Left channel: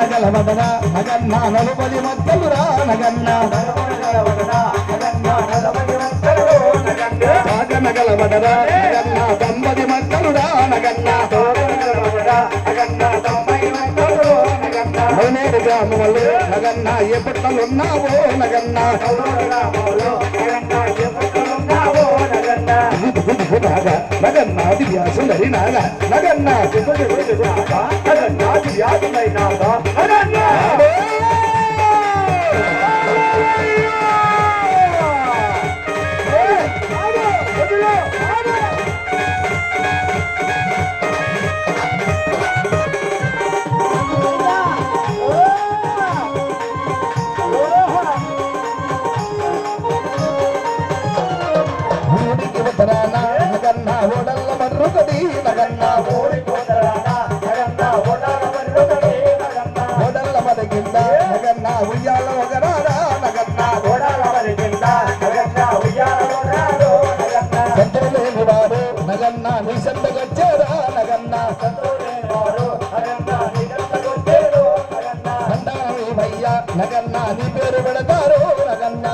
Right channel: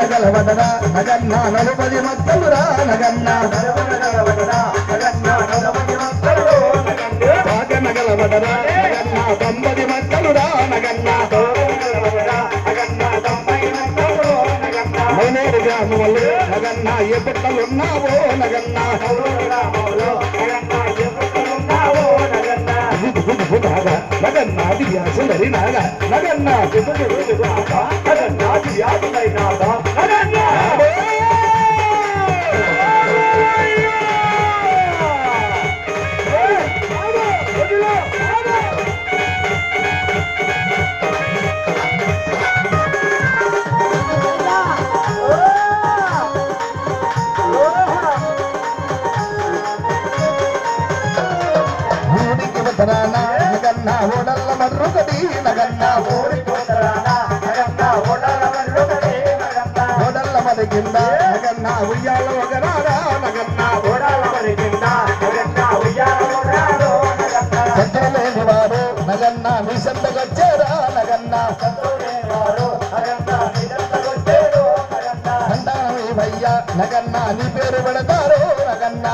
నగలవదరా నగన్న నలుపది మత్తలురా నగన్న నగలవదరా నగన్న 90 మత్తలురా నగన్న 3 గ్రాములు నగన్న ఏ పట్టలు ఉన్నావో నగన్న నగన్న దివ్యా సుందరి నాగ నగన్న నగన్న ఓడల్ల మర్రుకది నగన్న ఓడల్ల మరిగింద నగన్న ఉయ్యాల ఒకరారా నగన్న సంతలేని వారు నగన్న మీ సంతకొచ్చారా నగన్న సంతానమి భయ్యా నగన్న నీ పేరు పెడతారు నగన్న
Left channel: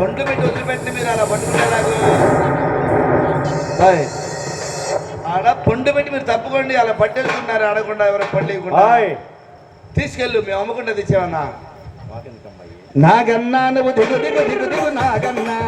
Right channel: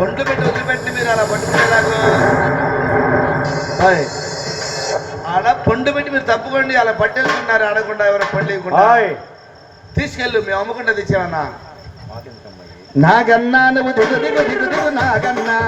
పండ్లు పెట్టి వదిలిపెట్టి మీరు అలా పట్టుకునేలాగా ఆడ పండు పెట్టి మీరు తప్పుకోండి అలా పట్టేసుకుంటున్నారు ఆడకుండా ఎవరో పండు ఇవ్వకుండా తీసుకెళ్ళు మేము అమ్ముకుంటే తెచ్చామన్నా నాగన్నా నువ్వు దిగు దిగు దిగు దిగు నాగన్నా